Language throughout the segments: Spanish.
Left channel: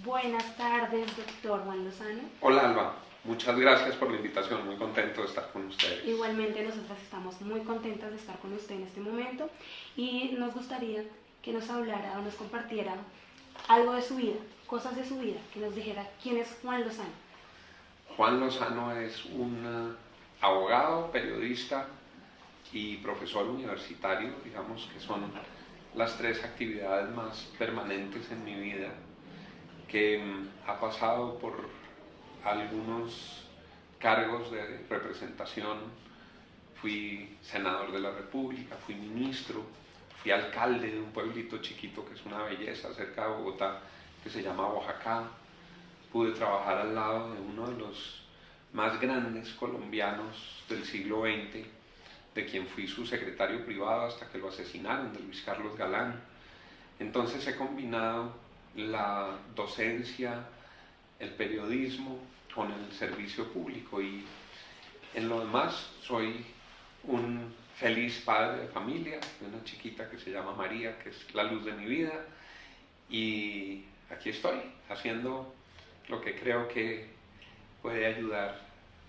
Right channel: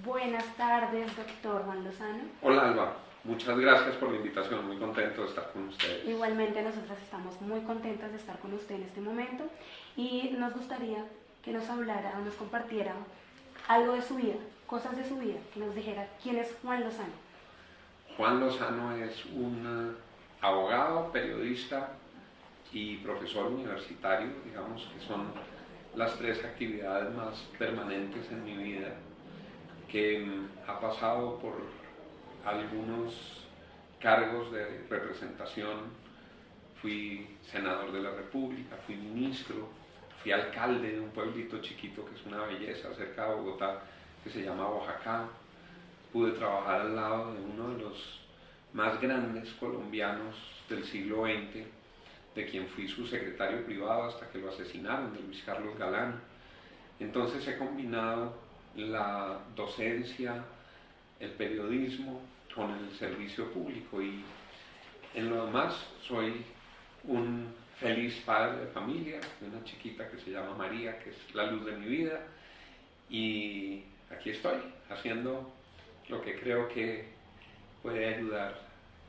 Buenas tardes, doctor Juan Lozano. Hola Alba, muchas gracias por la invitación, muy contento de estar con ustedes. Igualmente nosotras estamos muy contentas de estar con usted en este momento y nos gustaría que nos hablara o nos compartiera algo de su vida, cosas de su vida, que nos dijera quién es Juan Lozano. Juan Lozano es un abogado, periodista y profesor universitario, digamos que son las tres actividades más permanentes en mi vida, que ha pasado por algunos cargos de representación. Fui senador de la República, fui ministro, fui alcalde de un pueblito chiquito que es una belleza cerca de Bogotá, que se llama Oaxaca. Pude trabajar al lado de uno de los más grandes colombianos del siglo XX, de quien fui su secretario privado hasta que lo asesinaron, de Luis Carlos Galán. Entonces he combinado la docencia, el periodismo con el servicio público, y en lo demás soy un feliz padre de familia, de una chiquita que se llama María, que es la luz de mi vida, y aquí estoy haciendo lo que creo que puede ayudar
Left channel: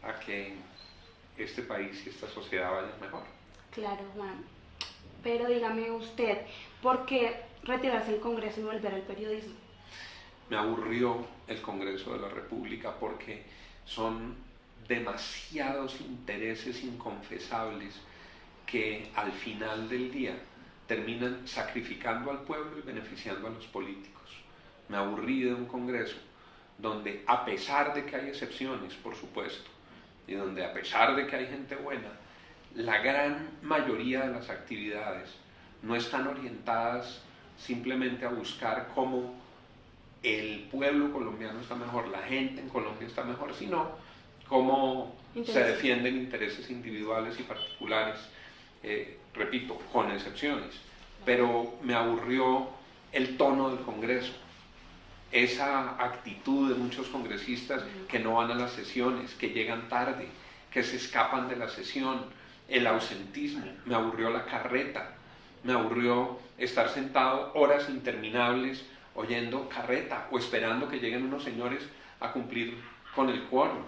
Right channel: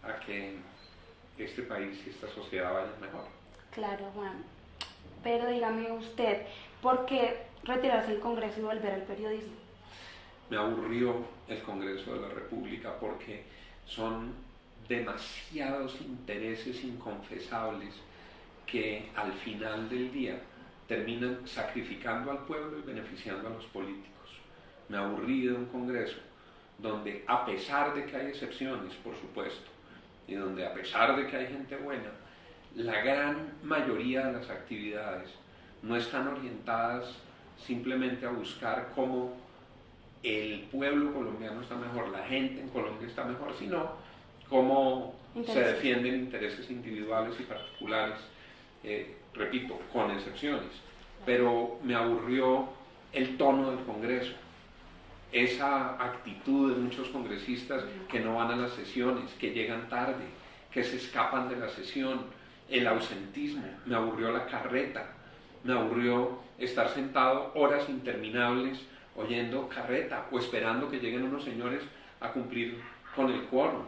a que este país y esta sociedad vayan mejor. Claro, Juan. Pero dígame usted, ¿por qué retirarse del Congreso y volver al periodismo? Me aburrió el Congreso de la República porque son demasiados intereses inconfesables que al final del día terminan sacrificando al pueblo y beneficiando a los políticos. Me aburrí de un Congreso donde, a pesar de que hay excepciones, por supuesto, y donde a pesar de que hay gente buena, la gran mayoría de las actividades no están orientadas simplemente a buscar cómo el pueblo colombiano está mejor, la gente en Colombia está mejor, sino cómo se defienden intereses individuales y particulares, repito, con excepciones. Pero me aburrió el tono del Congreso, esa actitud de muchos congresistas que no van a las sesiones, que llegan tarde, que se escapan de la sesión, el ausentismo. Me aburrió la carreta, me aburrió estar sentado horas interminables oyendo carreta o esperando que lleguen unos señores a cumplir con el quórum.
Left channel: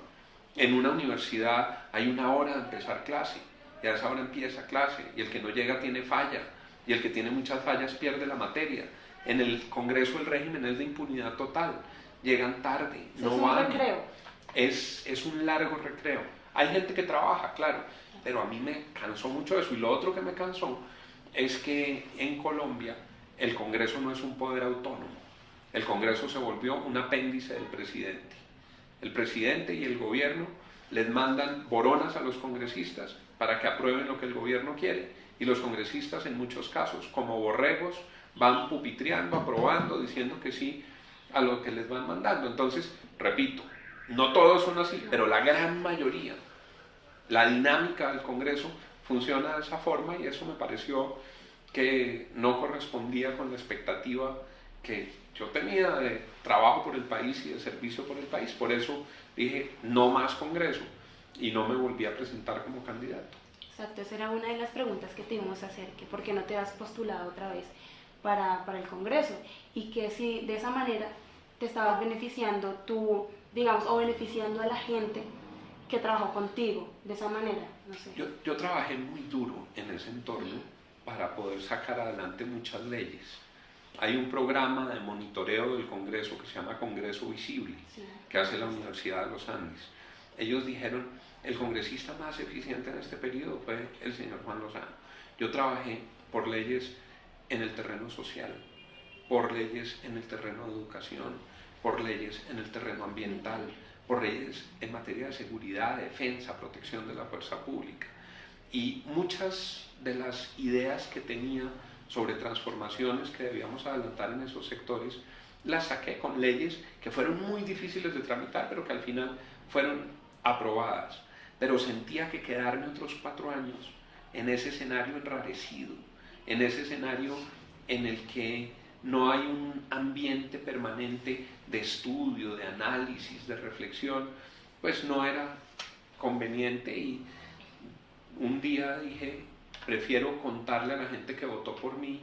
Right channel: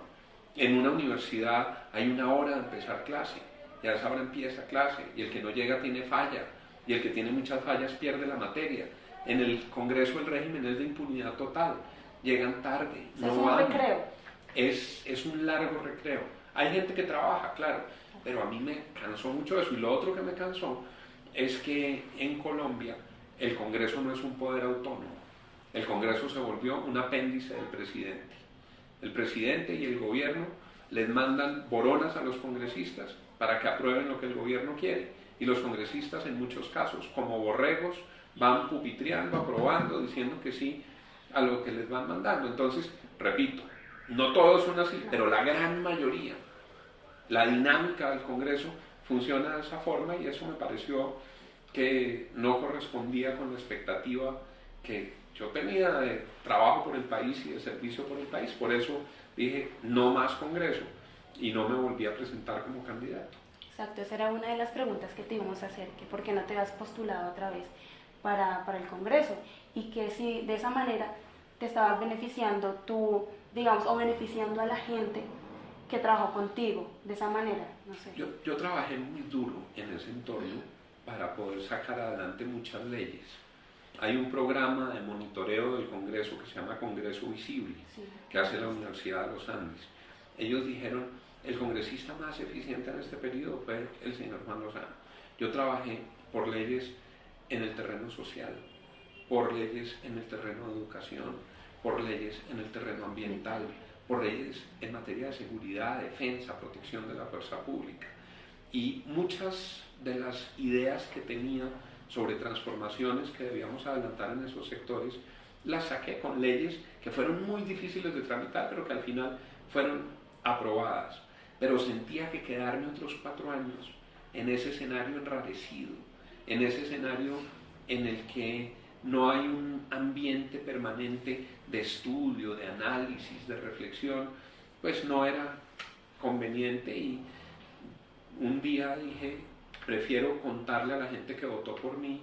En una universidad hay una hora de empezar clase, y a esa hora empieza clase, y el que no llega tiene falla, y el que tiene muchas fallas pierde la materia. En el Congreso el régimen es de impunidad total, llegan tarde, no es un van. recreo. Es un largo recreo. Hay gente que trabaja, claro, pero a mí me cansó mucho eso. Y lo otro que me cansó es que en Colombia el Congreso no es un poder autónomo. El Congreso se volvió un apéndice del presidente. El presidente y el gobierno les mandan boronas a los congresistas para que aprueben lo que el gobierno quiere, y los congresistas en muchos casos, como borregos, van pupitreando, aprobando, diciendo que sí a lo que les van mandando. Entonces, repito, no todos son así, pero la gran mayoría, la dinámica del Congreso funciona de esa forma, y eso me pareció que no correspondía con la expectativa que yo tenía de trabajo por el país y de servicio por el país. Por eso dije, no más Congreso, y no me volví a presentar como candidato. Exacto, esa era una de las preguntas que te íbamos a hacer, que por qué no te has postulado otra vez para el Congreso, y que si de esa manera te estabas beneficiando tú, digamos, o beneficiando a la gente que trabajó contigo, de esa manera, no sé. Yo trabajé muy duro en ese entorno para poder sacar adelante muchas leyes. Hay un programa de monitoreo del Congreso que se llama Congreso Visible, Sí, que hace la Universidad de los Andes. Ellos dijeron, el congresista más eficiente en este periodo fue el señor Juan Lozano. Yo trabajé por leyes en el terreno social, por leyes en el terreno de educación, por leyes en el terreno ambiental, por leyes en materia de seguridad, defensa, protección de la fuerza pública. Y muchas de las ideas que tenía sobre transformaciones que debíamos adelantar en esos sectores, las saqué con leyes que fueron muy difíciles de tramitar, pero que al final fueron aprobadas. Pero sentía que quedarme otros 4 años en ese escenario enrarecido, en ese escenario en el que no hay un ambiente permanente de estudio, de análisis, de reflexión, pues no era conveniente. Y un día dije, prefiero contarle a la gente que votó por mí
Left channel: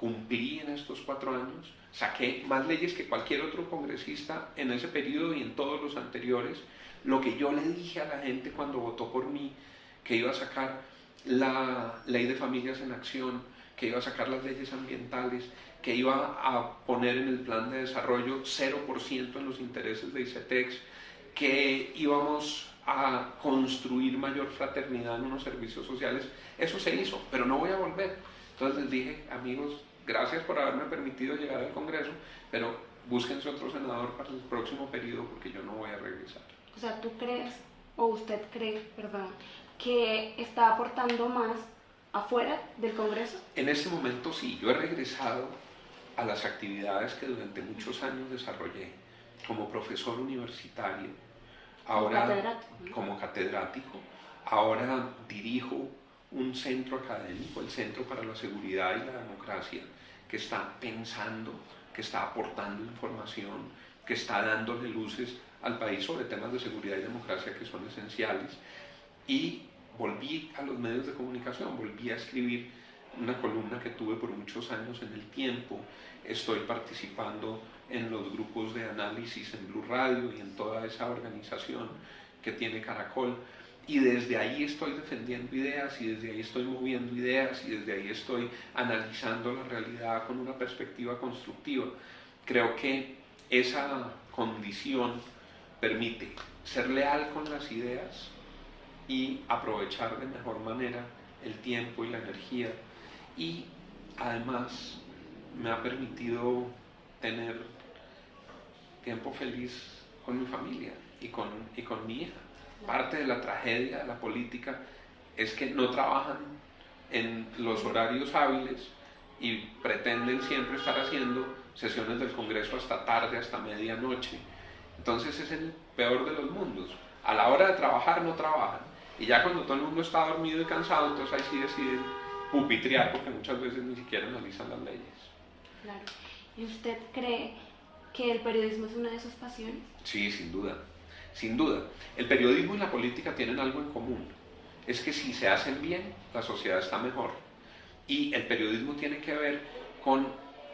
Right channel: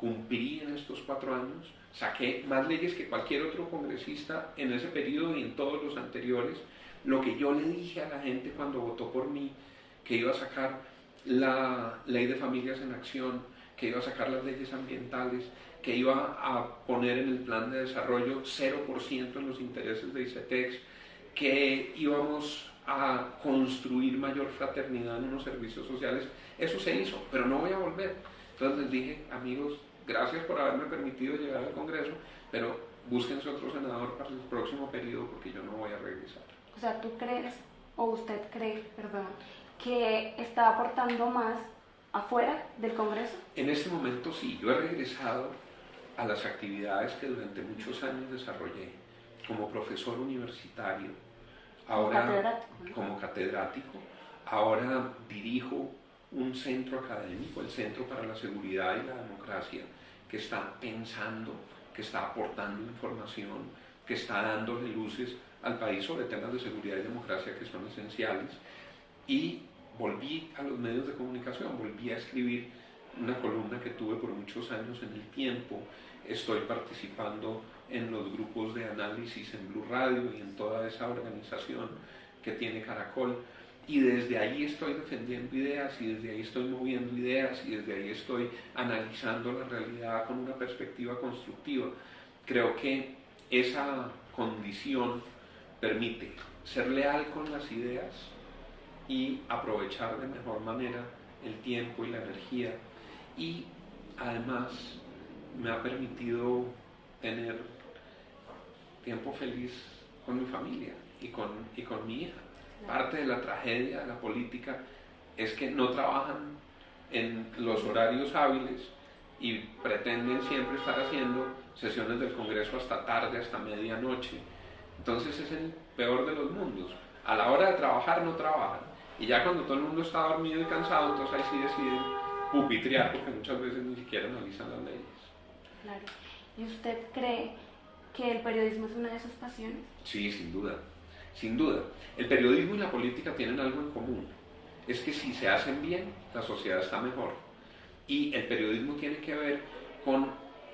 cumplí en estos 4 años, saqué más leyes que cualquier otro congresista en ese periodo y en todos los anteriores. Lo que yo le dije a la gente cuando votó por mí, que iba a sacar la ley de familias en acción, que iba a sacar las leyes ambientales, que iba a poner en el plan de desarrollo 0% en los intereses de ICETEX, que íbamos a construir mayor fraternidad en unos servicios sociales. Eso se hizo, pero no voy a volver. Entonces les dije, amigos, gracias por haberme permitido llegar al Congreso, pero búsquense otro senador para el próximo periodo porque yo no voy a regresar. O sea, ¿tú crees, o usted cree, perdón, que está aportando más afuera del Congreso? En este momento sí, yo he regresado a las actividades que durante muchos años desarrollé como profesor universitario, ahora como catedrático, ahora dirijo un centro académico, el Centro para la Seguridad y la Democracia, que está pensando, que está aportando información, que está dándole luces al país sobre temas de seguridad y democracia que son esenciales. Y volví a los medios de comunicación, volví a escribir una columna que tuve por muchos años en El Tiempo. Estoy participando en los grupos de análisis en Blue Radio y en toda esa organización que tiene Caracol. Y desde ahí estoy defendiendo ideas, y desde ahí estoy moviendo ideas, y desde ahí estoy analizando la realidad con una perspectiva constructiva. Creo que esa condición permite ser leal con las ideas y aprovechar de mejor manera el tiempo y la energía, y además me ha permitido tener tiempo feliz con mi familia y con mi hija. Parte de la tragedia de la política es que no trabajan en los horarios hábiles y pretenden siempre estar haciendo sesiones del Congreso hasta tarde, hasta medianoche. Entonces es el peor de los mundos. A la hora de trabajar no trabajan, y ya cuando todo el mundo está dormido y cansado, entonces ahí sí deciden pupitrear, porque muchas veces ni siquiera analizan las leyes. Claro. ¿Y usted cree que el periodismo es una de sus pasiones? Sí, sin duda. Sin duda. El periodismo y la política tienen algo en común. Es que si se hacen bien, la sociedad está mejor. Y el periodismo tiene que ver con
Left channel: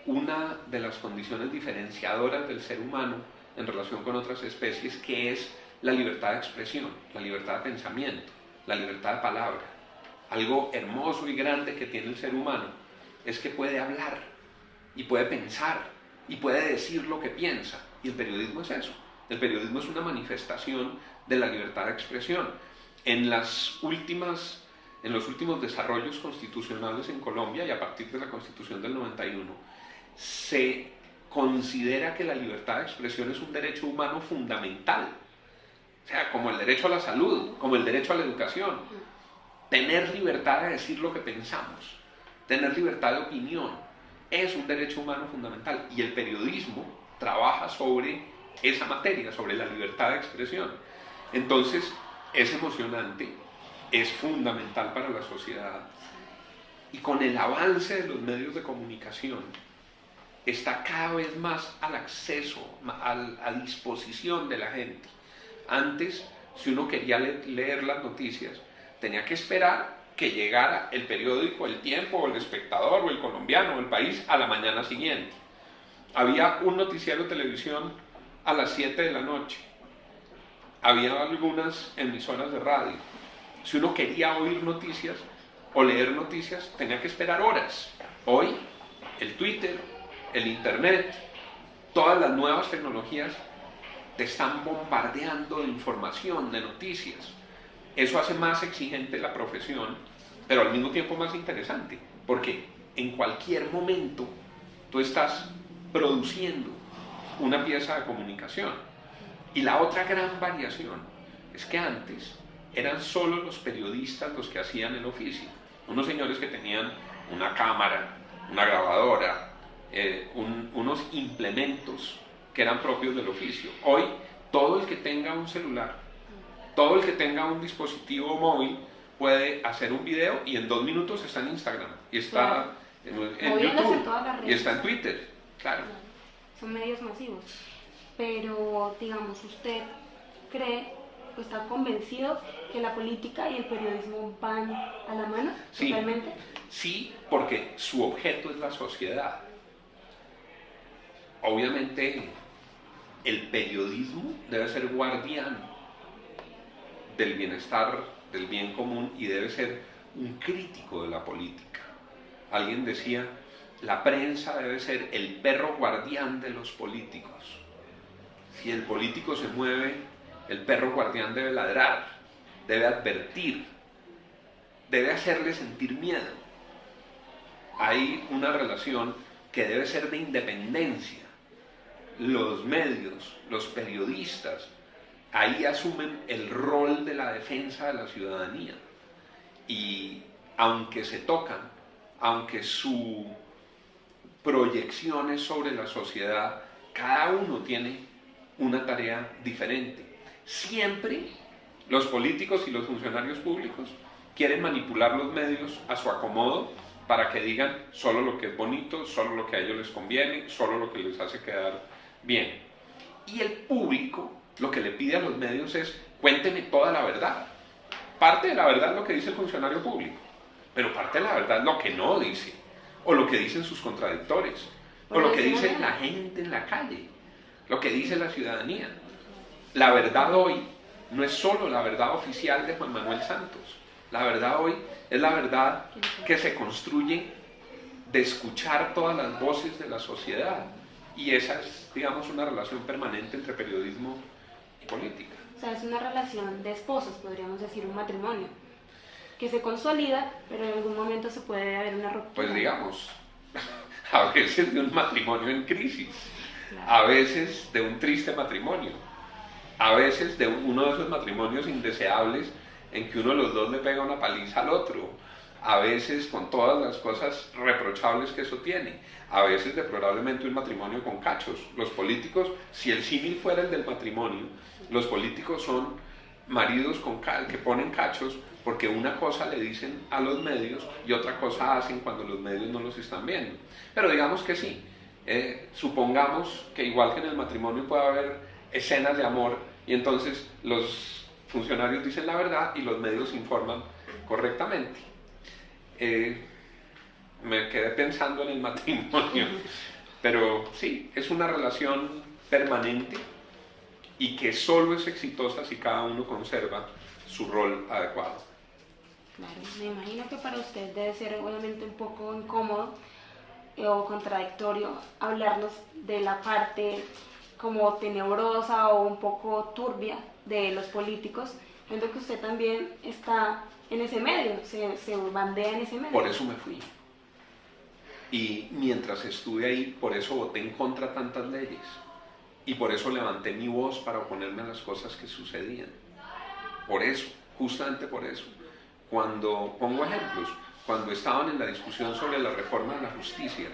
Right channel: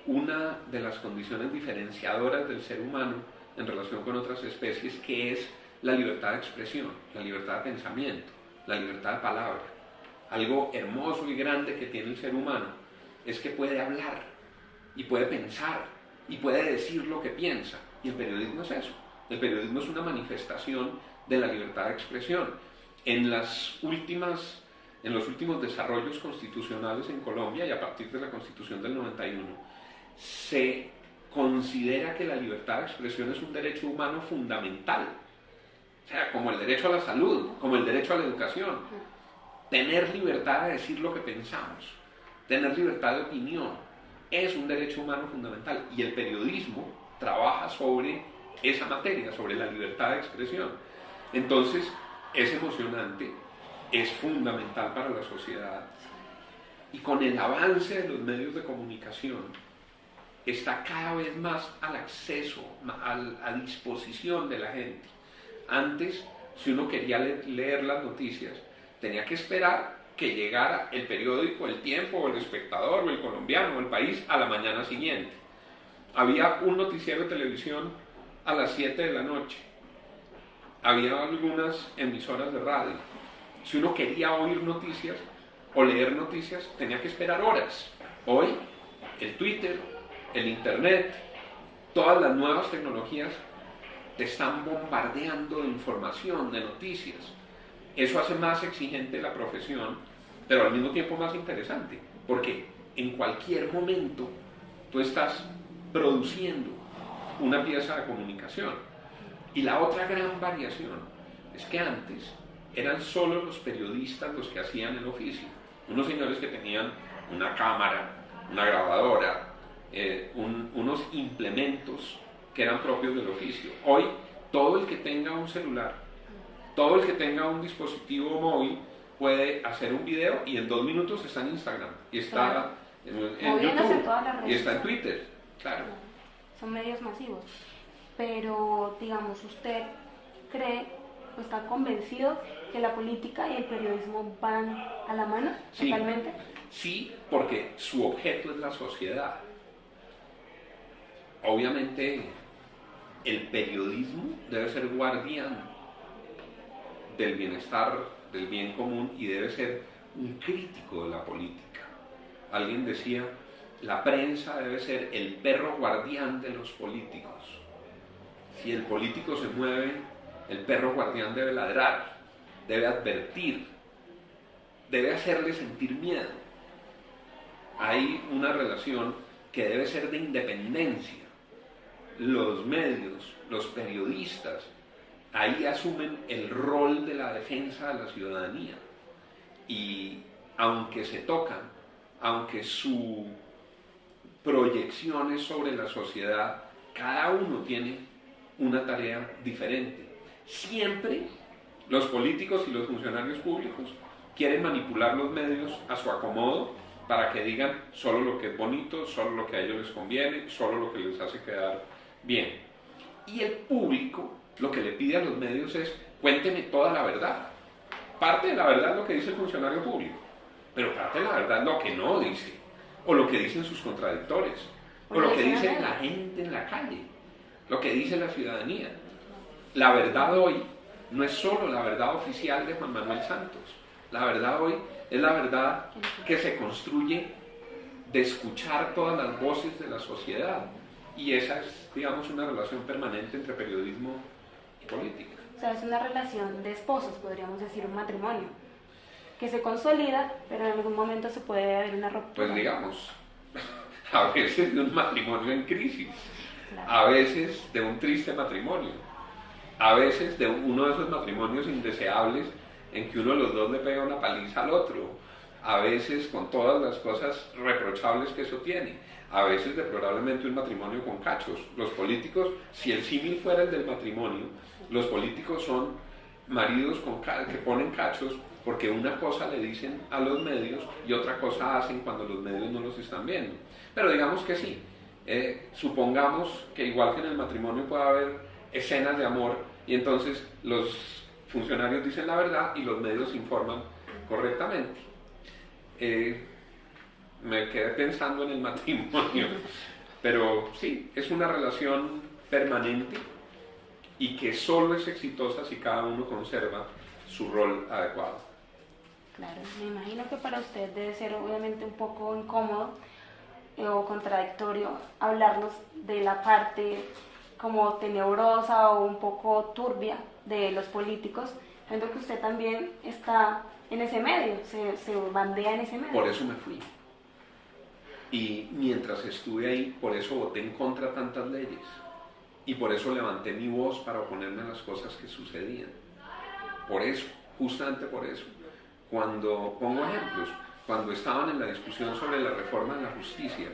una de las condiciones diferenciadoras del ser humano en relación con otras especies, que es la libertad de expresión, la libertad de pensamiento, la libertad de palabra. Algo hermoso y grande que tiene el ser humano es que puede hablar y puede pensar y puede decir lo que piensa, y el periodismo es eso. El periodismo es una manifestación de la libertad de expresión. En los últimos desarrollos constitucionales en Colombia, y a partir de la Constitución del 91, se considera que la libertad de expresión es un derecho humano fundamental. O sea, como el derecho a la salud, como el derecho a la educación. Tener libertad de decir lo que pensamos, tener libertad de opinión, es un derecho humano fundamental. Y el periodismo trabaja sobre esa materia, sobre la libertad de expresión. Entonces, es emocionante, es fundamental para la sociedad. Y con el avance de los medios de comunicación, está cada vez más al acceso, a disposición de la gente. Antes, si uno quería leer las noticias, tenía que esperar que llegara el periódico El Tiempo, o El Espectador, o El Colombiano, o El País a la mañana siguiente. Había un noticiero de televisión a las 7 de la noche. Había algunas emisoras de radio. Si uno quería oír noticias o leer noticias, tenía que esperar horas. Hoy, el Twitter, el Internet, todas las nuevas tecnologías te están bombardeando de información, de noticias. Eso hace más exigente la profesión, pero al mismo tiempo más interesante, porque en cualquier momento tú estás produciendo una pieza de comunicación. Y la otra gran variación es que antes eran solo los periodistas los que hacían el oficio. Unos señores que tenían una cámara, una grabadora, unos implementos que eran propios del oficio. Hoy, todo el que tenga un celular, todo el que tenga un dispositivo móvil puede hacer un video, y en 2 minutos está en Instagram, y está en YouTube, en todas las redes, y está en Twitter. Claro. Son medios masivos. Pero, digamos, ¿usted cree o está convencido que la política y el periodismo van a la mano? Sí, totalmente? Sí, porque su objeto es la sociedad. Obviamente, el periodismo debe ser guardián del bienestar, del bien común, y debe ser un crítico de la política. Alguien decía, la prensa debe ser el perro guardián de los políticos. Si el político se mueve, el perro guardián debe ladrar, debe advertir, debe hacerle sentir miedo. Hay una relación que debe ser de independencia. Los medios, los periodistas, ahí asumen el rol de la defensa de la ciudadanía. Y aunque se tocan, aunque su proyección es sobre la sociedad, cada uno tiene una tarea diferente. Siempre los políticos y los funcionarios públicos quieren manipular los medios a su acomodo para que digan solo lo que es bonito, solo lo que a ellos les conviene, solo lo que les hace quedar bien. Y el público lo que le pide a los medios es cuénteme toda la verdad. Parte de la verdad es lo que dice el funcionario público, pero parte de la verdad es lo que no dice, o lo que dicen sus contradictores, o lo que dice la gente en la calle, lo que dice la ciudadanía. La verdad hoy no es solo la verdad oficial de Juan Manuel Santos. La verdad hoy es la verdad que se construye de escuchar todas las voces de la sociedad. Y esa es, digamos, una relación permanente entre periodismo y política. O sea, es una relación de esposos, podríamos decir, un matrimonio, que se consolida, pero en algún momento se puede haber una ruptura. Pues digamos, a veces de un matrimonio en crisis, claro. A veces de un triste matrimonio, a veces de uno de esos matrimonios indeseables en que uno de los dos le pega una paliza al otro, a veces con todas las cosas reprochables que eso tiene, a veces deplorablemente un matrimonio con cachos. Los políticos, si el símil fuera el del matrimonio, los políticos son maridos que ponen cachos porque una cosa le dicen a los medios y otra cosa hacen cuando los medios no los están viendo. Pero digamos que sí, supongamos que igual que en el matrimonio puede haber escenas de amor y entonces los funcionarios dicen la verdad y los medios informan correctamente. Me quedé pensando en el matrimonio, pero sí, es una relación permanente y que solo es exitosa si cada uno conserva su rol adecuado. Claro, me imagino que para usted debe ser obviamente un poco incómodo o contradictorio hablarnos de la parte como tenebrosa o un poco turbia de los políticos, viendo que usted también está en ese medio, se bandea en ese medio. Por eso me fui. Y mientras estuve ahí, por eso voté en contra de tantas leyes. Y por eso levanté mi voz para oponerme a las cosas que sucedían. Por eso, justamente por eso. Cuando, pongo ejemplos, cuando estaban en la discusión sobre la reforma de la justicia,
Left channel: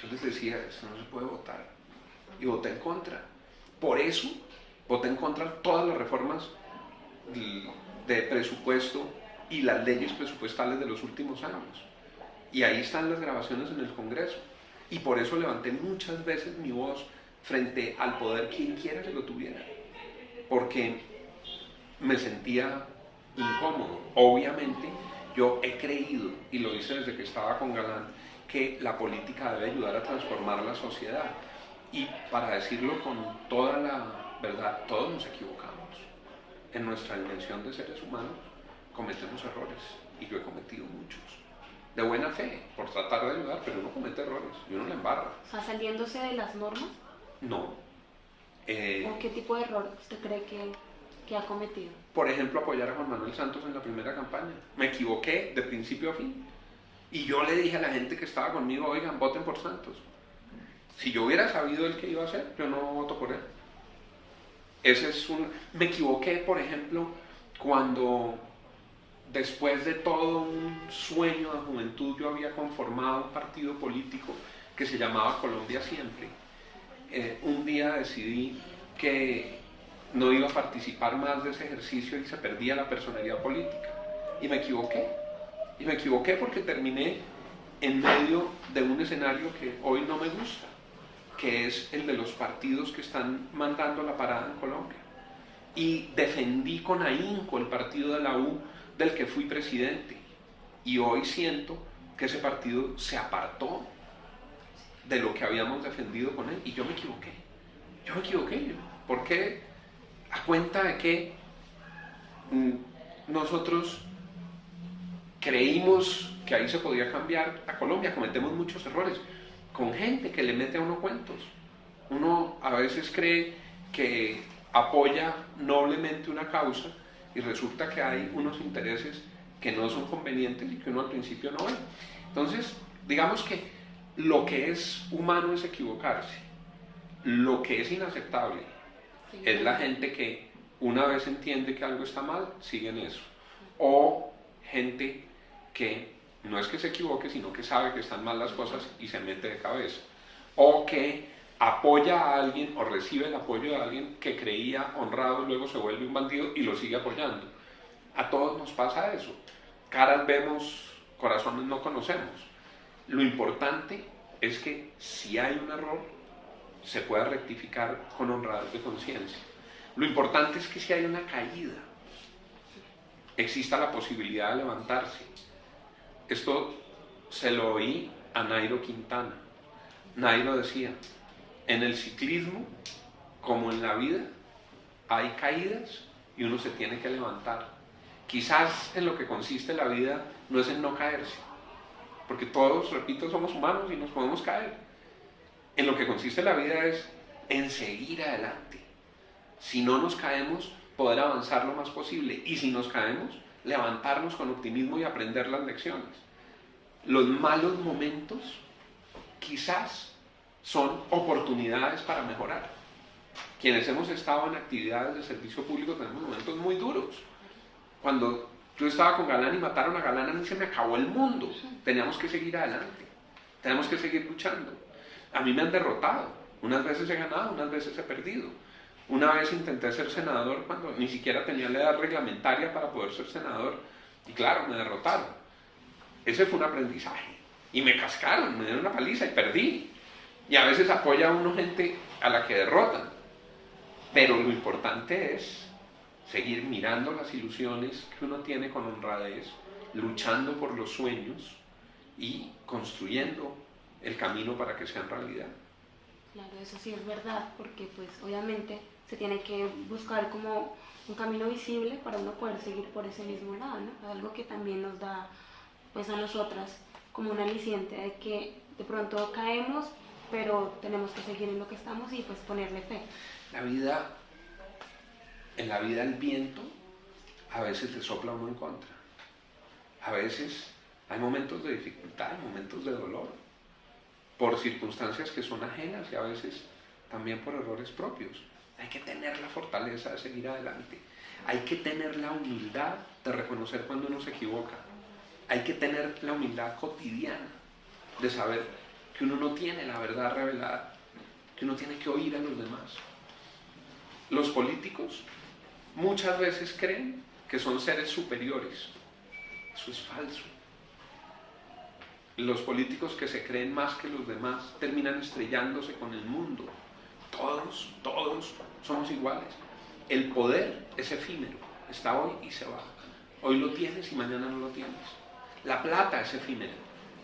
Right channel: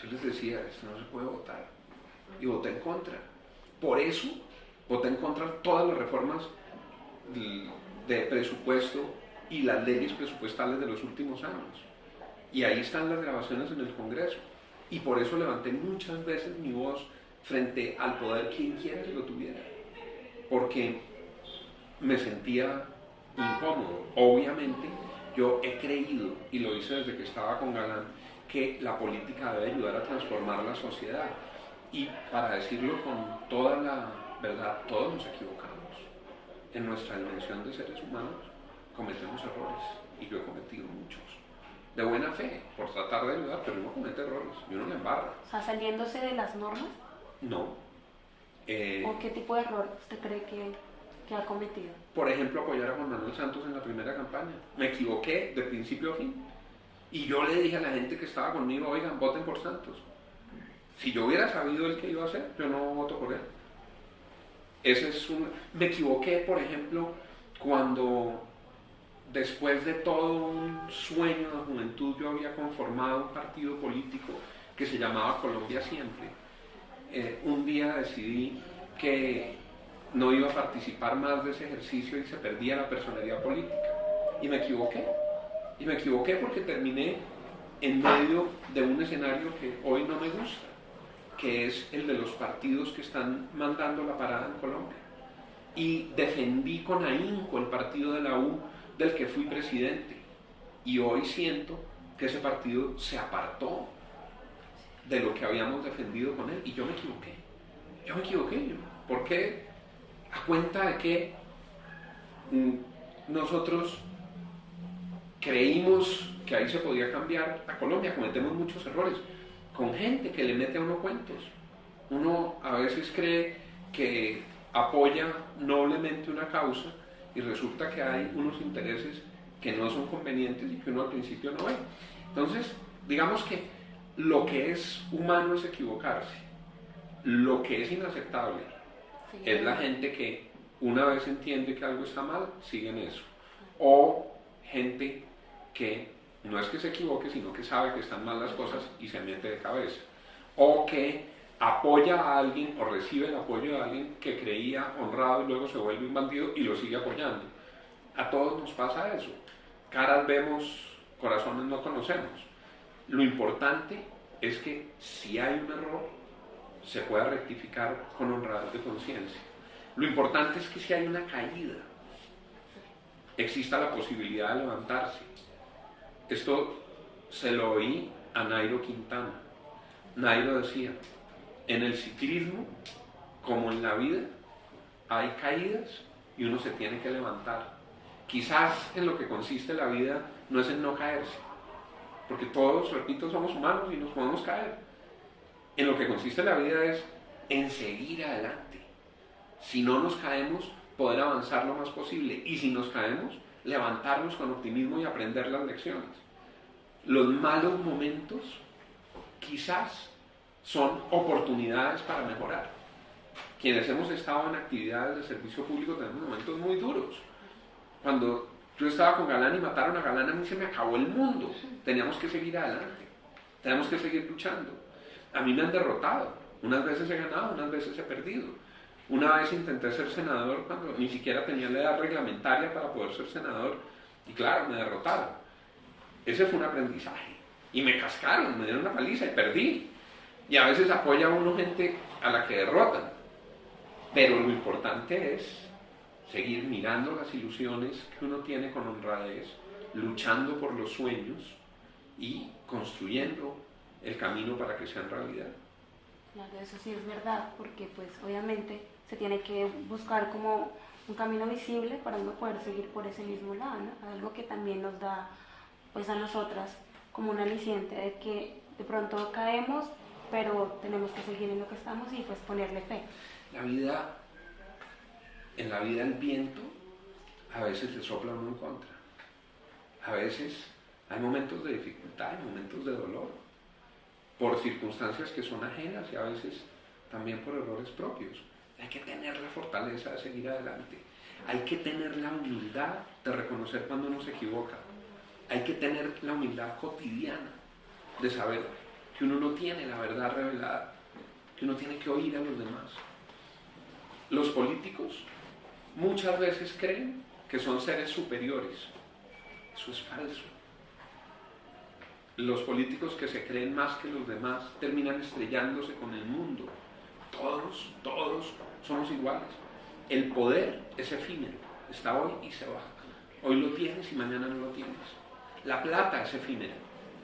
yo les decía, esto no se puede votar. Y voté en contra. Por eso, voté en contra de todas las reformas de presupuesto y las leyes presupuestales de los últimos años. Y ahí están las grabaciones en el Congreso. Y por eso levanté muchas veces mi voz frente al poder, quien quiera que lo tuviera. Porque me sentía incómodo. Obviamente, yo he creído, y lo hice desde que estaba con Galán, que la política debe ayudar a transformar la sociedad. Y para decirlo con toda la verdad, todos nos equivocamos. En nuestra dimensión de seres humanos cometemos errores. Y yo he cometido muchos. De buena fe, por tratar de ayudar, pero uno comete errores, y uno le embarra. O sea, saliéndose de las normas. No. ¿O qué tipo de error usted cree que ha cometido? Por ejemplo, apoyar a Juan Manuel Santos en la primera campaña. Me equivoqué de principio a fin. Y yo le dije a la gente que estaba conmigo, oigan, voten por Santos. Si yo hubiera sabido el que iba a hacer, yo no voto por él. Me equivoqué, por ejemplo, cuando después de todo un sueño de juventud yo había conformado un partido político que se llamaba Colombia Siempre. Un día decidí que no iba a participar más de ese ejercicio y se perdía la personalidad política. Y me equivoqué. Y me equivoqué porque terminé en medio de un escenario que hoy no me gusta, que es el de los partidos que están mandando la parada en Colombia. Y defendí con ahínco el partido de la U, del que fui presidente. Y hoy siento que ese partido se apartó de lo que habíamos defendido con él, y yo me equivoqué. ¿Por qué? A cuenta de que nosotros creímos que ahí se podía cambiar a Colombia, cometemos muchos errores con gente que le mete a uno cuentos. Uno a veces cree que apoya noblemente una causa y resulta que hay unos intereses que no son convenientes y que uno al principio no ve. Entonces, digamos que lo que es humano es equivocarse. Lo que es inaceptable es la gente que una vez entiende que algo está mal, sigue en eso. O gente que no es que se equivoque, sino que sabe que están mal las cosas y se mete de cabeza. O que apoya a alguien o recibe el apoyo de alguien que creía honrado y luego se vuelve un bandido y lo sigue apoyando. A todos nos pasa eso. Caras vemos, corazones no conocemos. Lo importante es que si hay un error, se pueda rectificar con honradez de conciencia. Lo importante es que si hay una caída, exista la posibilidad de levantarse. Esto se lo oí a Nairo Quintana. Nairo decía, en el ciclismo, como en la vida, hay caídas y uno se tiene que levantar. Quizás en lo que consiste la vida no es en no caerse, porque todos, repito, somos humanos y nos podemos caer. En lo que consiste la vida es en seguir adelante. Si no nos caemos, poder avanzar lo más posible, y si nos caemos, levantarnos con optimismo y aprender las lecciones. Los malos momentos quizás son oportunidades para mejorar. Quienes hemos estado en actividades de servicio público tenemos momentos muy duros. Cuando yo estaba con Galán y mataron a Galán, a mí se me acabó el mundo. Teníamos que seguir adelante, tenemos que seguir luchando. A mí me han derrotado, unas veces he ganado, unas veces he perdido. Una vez intenté ser senador cuando ni siquiera tenía la edad reglamentaria para poder ser senador, y claro, me derrotaron. Ese fue un aprendizaje, y me cascaron, me dieron una paliza y perdí. Y a veces apoya a uno gente a la que derrotan, pero lo importante es seguir mirando las ilusiones que uno tiene con honradez, luchando por los sueños y construyendo el camino para que sean realidad. Claro, eso sí es verdad, porque pues obviamente se tiene que buscar como un camino visible para uno poder seguir por ese mismo lado, ¿no? Algo que también nos da pues a nosotras como un aliciente de que de pronto caemos, pero tenemos que seguir en lo que estamos y pues ponerle fe. En la vida el viento a veces le sopla a uno en contra. A veces hay momentos de dificultad, hay momentos de dolor, por circunstancias que son ajenas y a veces también por errores propios. Hay que tener la fortaleza de seguir adelante. Hay que tener la humildad de reconocer cuando uno se equivoca. Hay que tener la humildad cotidiana de saber que uno no tiene la verdad revelada, que uno tiene que oír a los demás. Los políticos muchas veces creen que son seres superiores. Eso es falso. Los políticos que se creen más que los demás terminan estrellándose con el mundo. Todos somos iguales. El poder es efímero, está hoy y se va. Hoy lo tienes y mañana no lo tienes. La plata es efímera,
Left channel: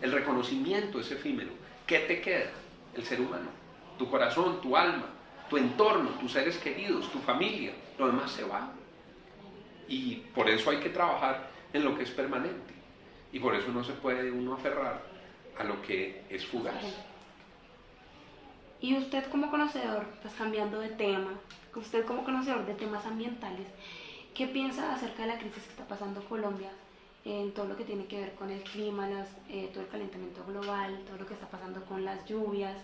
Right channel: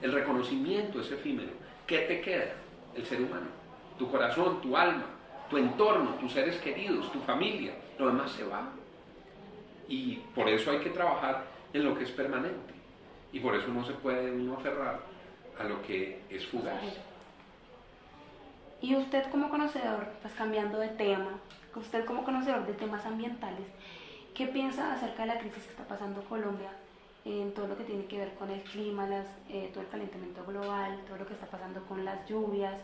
el reconocimiento es efímero. ¿Qué te queda? El ser humano, tu corazón, tu alma, tu entorno, tus seres queridos, tu familia, lo demás se va. Y por eso hay que trabajar en lo que es permanente. Y por eso no se puede uno aferrar a lo que es fugaz. Y usted como conocedor, pues cambiando de tema, usted como conocedor de temas ambientales, ¿qué piensa acerca de la crisis que está pasando Colombia en todo lo que tiene que ver con el clima, todo el calentamiento global, todo lo que está pasando con las lluvias,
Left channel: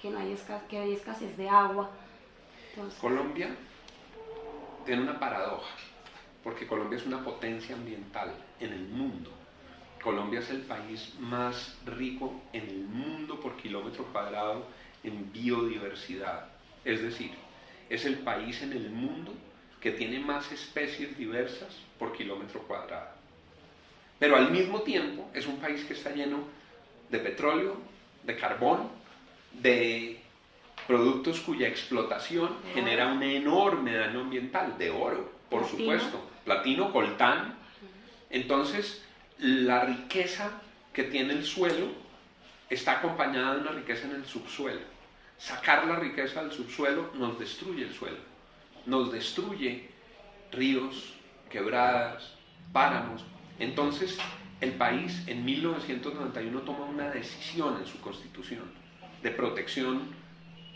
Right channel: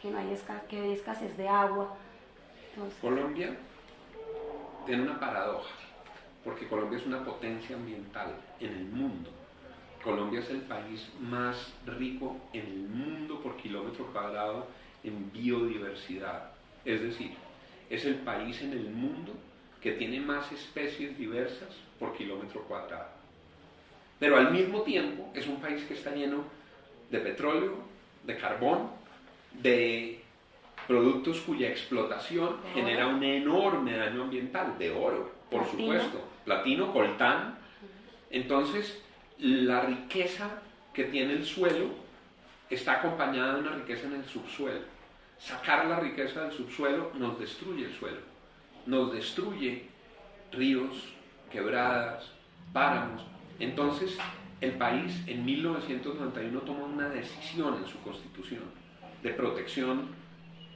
que hay escasez de agua? Entonces, Colombia tiene una paradoja, porque Colombia es una potencia ambiental en el mundo. Colombia es el país más rico en el mundo por kilómetro cuadrado en biodiversidad. Es decir, es el país en el mundo que tiene más especies diversas por kilómetro cuadrado. Pero al mismo tiempo es un país que está lleno de petróleo, de carbón, de productos cuya explotación genera un enorme daño ambiental, de oro, por supuesto, platino, coltán. Entonces, la riqueza que tiene el suelo está acompañada de una riqueza en el subsuelo. Sacar la riqueza del subsuelo nos destruye el suelo, nos destruye ríos, quebradas, páramos. Entonces, el país en 1991 toma una decisión en su constitución de protección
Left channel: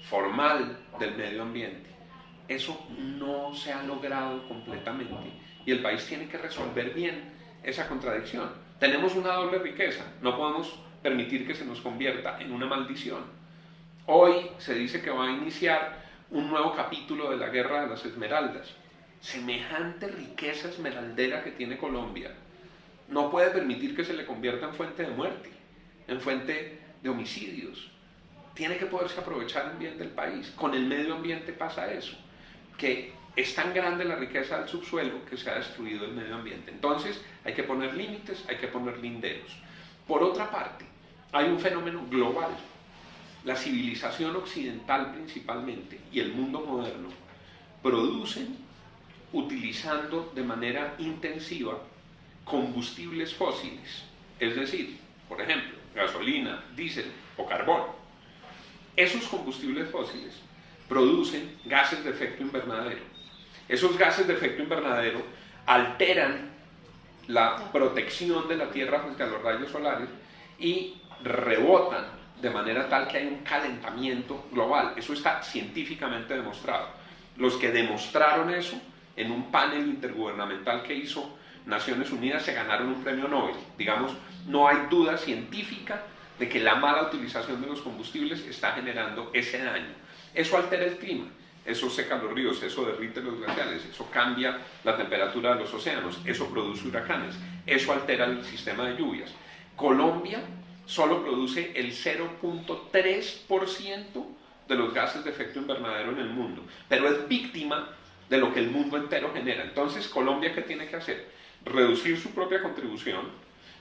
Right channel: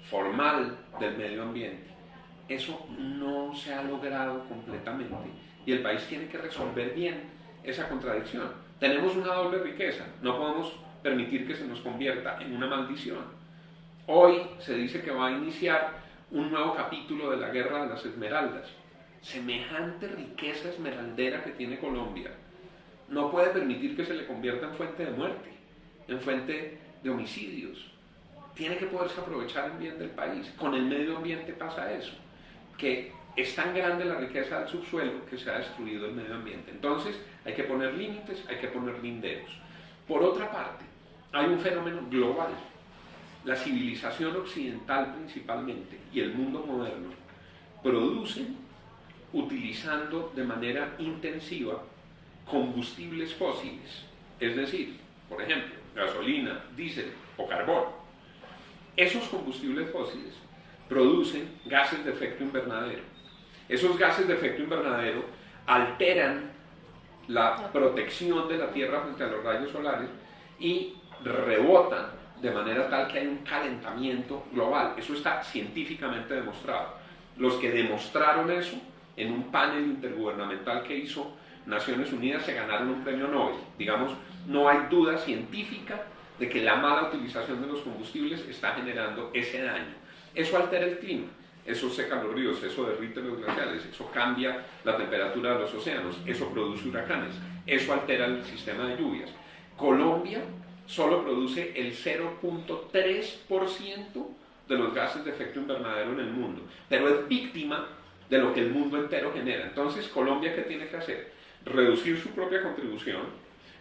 formal del medio ambiente. Eso no se ha logrado completamente y el país tiene que resolver bien esa contradicción. Tenemos una doble riqueza, no podemos permitir que se nos convierta en una maldición. Hoy se dice que va a iniciar un nuevo capítulo de la Guerra de las Esmeraldas. Semejante riqueza esmeraldera que tiene Colombia no puede permitir que se le convierta en fuente de muerte, en fuente de homicidios. Tiene que poderse aprovechar el bien del país. Con el medio ambiente pasa eso, que es tan grande la riqueza del subsuelo que se ha destruido el medio ambiente. Entonces hay que poner límites, hay que poner linderos. Por otra parte, hay un fenómeno global. La civilización occidental principalmente y el mundo moderno producen, utilizando de manera intensiva, combustibles fósiles, es decir, por ejemplo, gasolina, diésel o carbón. Esos combustibles fósiles producen gases de efecto invernadero. Esos gases de efecto invernadero alteran la protección de la Tierra frente a los rayos solares y rebotan de manera tal que hay un calentamiento global. Eso está científicamente demostrado. Los que demostraron eso en un panel intergubernamental que hizo Naciones Unidas se ganaron un premio Nobel. Digamos, no hay duda científica de que la mala utilización de los combustibles está generando ese daño. Eso altera el clima, eso seca los ríos, eso derrite los glaciares, eso cambia la temperatura de los océanos, eso produce huracanes, eso altera el sistema de lluvias. Colombia solo produce el 0.3% de los gases de efecto invernadero en el mundo, pero es víctima de lo que el mundo entero genera. Entonces, Colombia, ¿qué tiene que hacer? Reducir su propia contribución,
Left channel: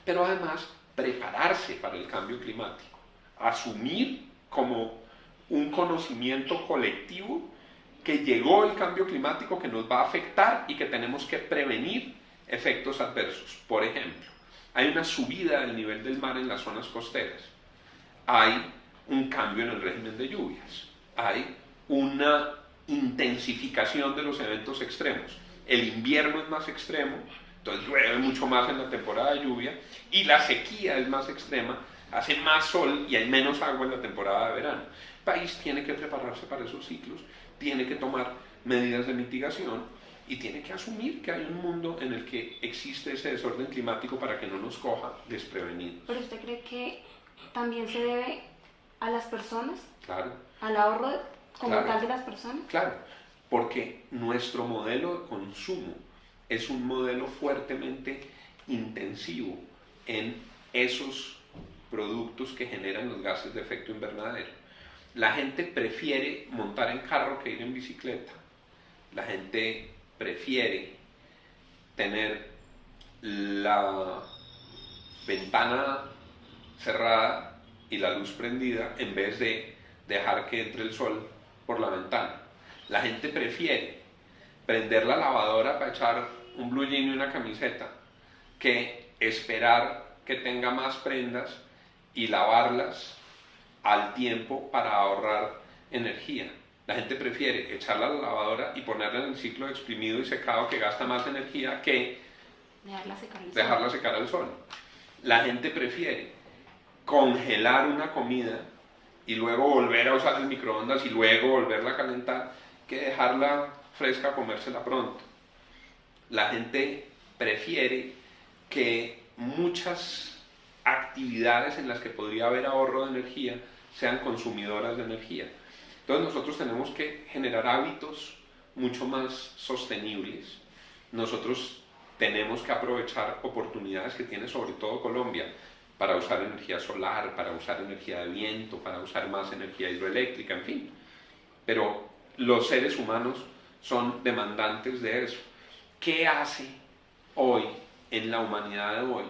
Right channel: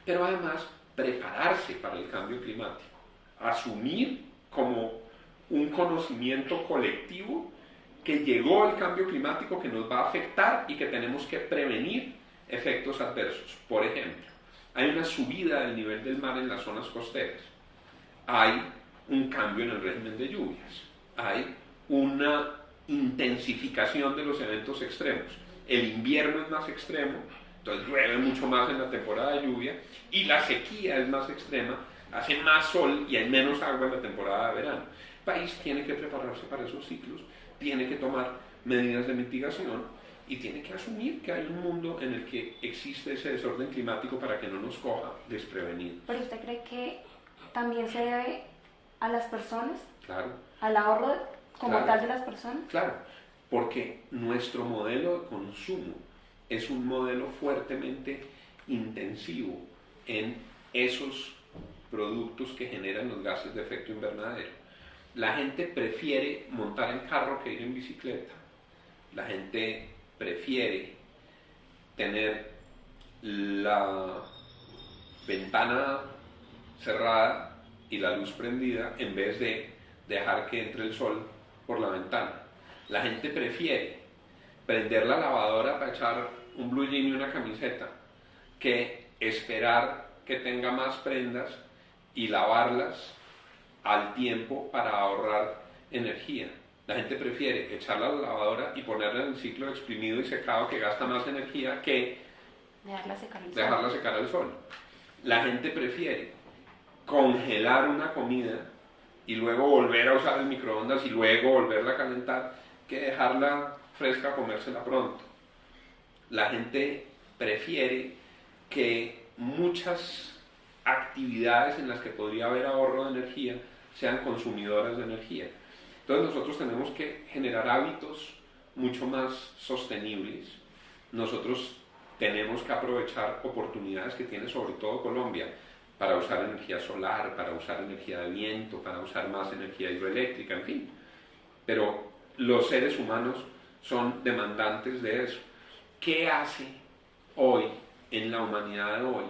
pero además prepararse para el cambio climático, asumir como un conocimiento colectivo que llegó el cambio climático, que nos va a afectar y que tenemos que prevenir efectos adversos. Por ejemplo, hay una subida del nivel del mar en las zonas costeras, hay un cambio en el régimen de lluvias, hay una intensificación de los eventos extremos. El invierno es más extremo, entonces llueve mucho más en la temporada de lluvia, y la sequía es más extrema, hace más sol y hay menos agua en la temporada de verano. El país tiene que prepararse para esos ciclos, tiene que tomar medidas de mitigación y tiene que asumir que hay un mundo en el que existe ese desorden climático para que no nos coja desprevenidos. ¿Pero usted cree que también se debe a las personas? Claro. ¿Al ahorro como tal de las personas? Claro, porque nuestro modelo de consumo es un modelo fuertemente intensivo en esos productos que generan los gases de efecto invernadero. La gente prefiere montar en carro que ir en bicicleta. La gente prefiere tener la ventana cerrada y la luz prendida en vez de dejar que entre el sol por la ventana. La gente prefiere prender la lavadora para echar un blue jean y una camiseta que esperar que tenga más prendas y lavarlas al tiempo para ahorrar energía. La gente prefiere echarla a la lavadora y ponerla en el ciclo de exprimido y secado, que gasta más energía que dejarla secar al sol. La gente prefiere congelar una comida y luego volver a usar el microondas y luego volverla a calentar que dejarla fresca, comérsela pronto. La gente prefiere que muchas actividades en las que podría haber ahorro de energía sean consumidoras de energía. Entonces nosotros tenemos que generar hábitos mucho más sostenibles. Nosotros tenemos que aprovechar oportunidades que tiene sobre todo Colombia para usar energía solar, para usar energía de viento, para usar más energía hidroeléctrica, en fin. Pero los seres humanos son demandantes de eso. ¿Qué hace hoy, en la humanidad de hoy,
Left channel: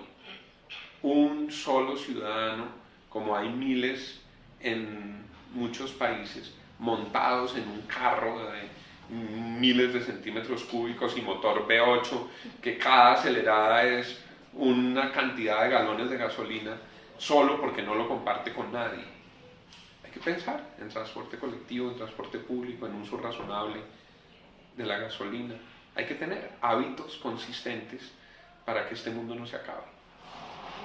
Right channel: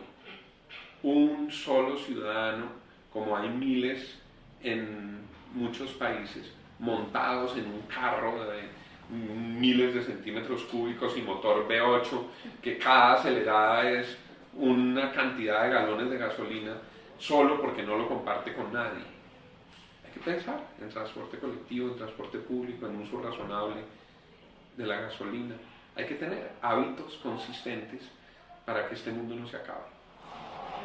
un solo ciudadano, como hay miles en muchos países, montados en un carro de miles de centímetros cúbicos y motor V8, que cada acelerada es una cantidad de galones de gasolina, solo porque no lo comparte con nadie. Hay que pensar en transporte colectivo, en transporte público, en uso razonable de la gasolina. Hay que tener hábitos consistentes para que este mundo no se acabe.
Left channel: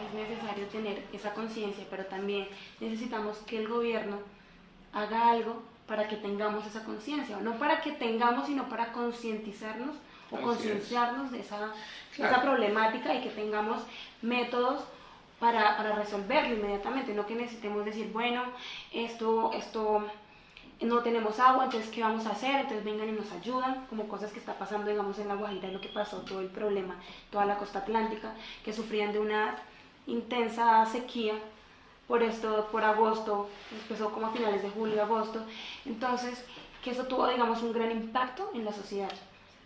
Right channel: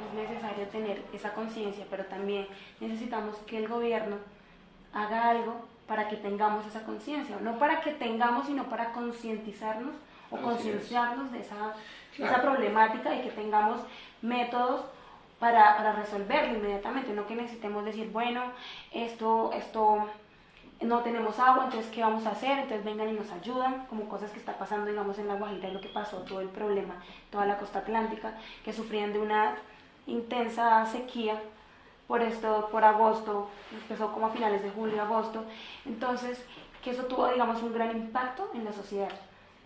Es necesario tener esa conciencia, pero también necesitamos que el gobierno haga algo para que tengamos esa conciencia, no para que tengamos, sino para concientizarnos o concienciarnos de esa problemática y que tengamos métodos para resolverlo inmediatamente, no que necesitemos decir, bueno, esto no tenemos agua, entonces ¿qué vamos a hacer? Entonces vengan y nos ayudan, como cosas que está pasando, digamos, en La Guajira, y lo que pasó, todo el problema, toda la costa atlántica, que sufrían de una intensa sequía por agosto, empezó como a finales de julio, agosto, entonces que eso tuvo, digamos, un gran impacto en la sociedad,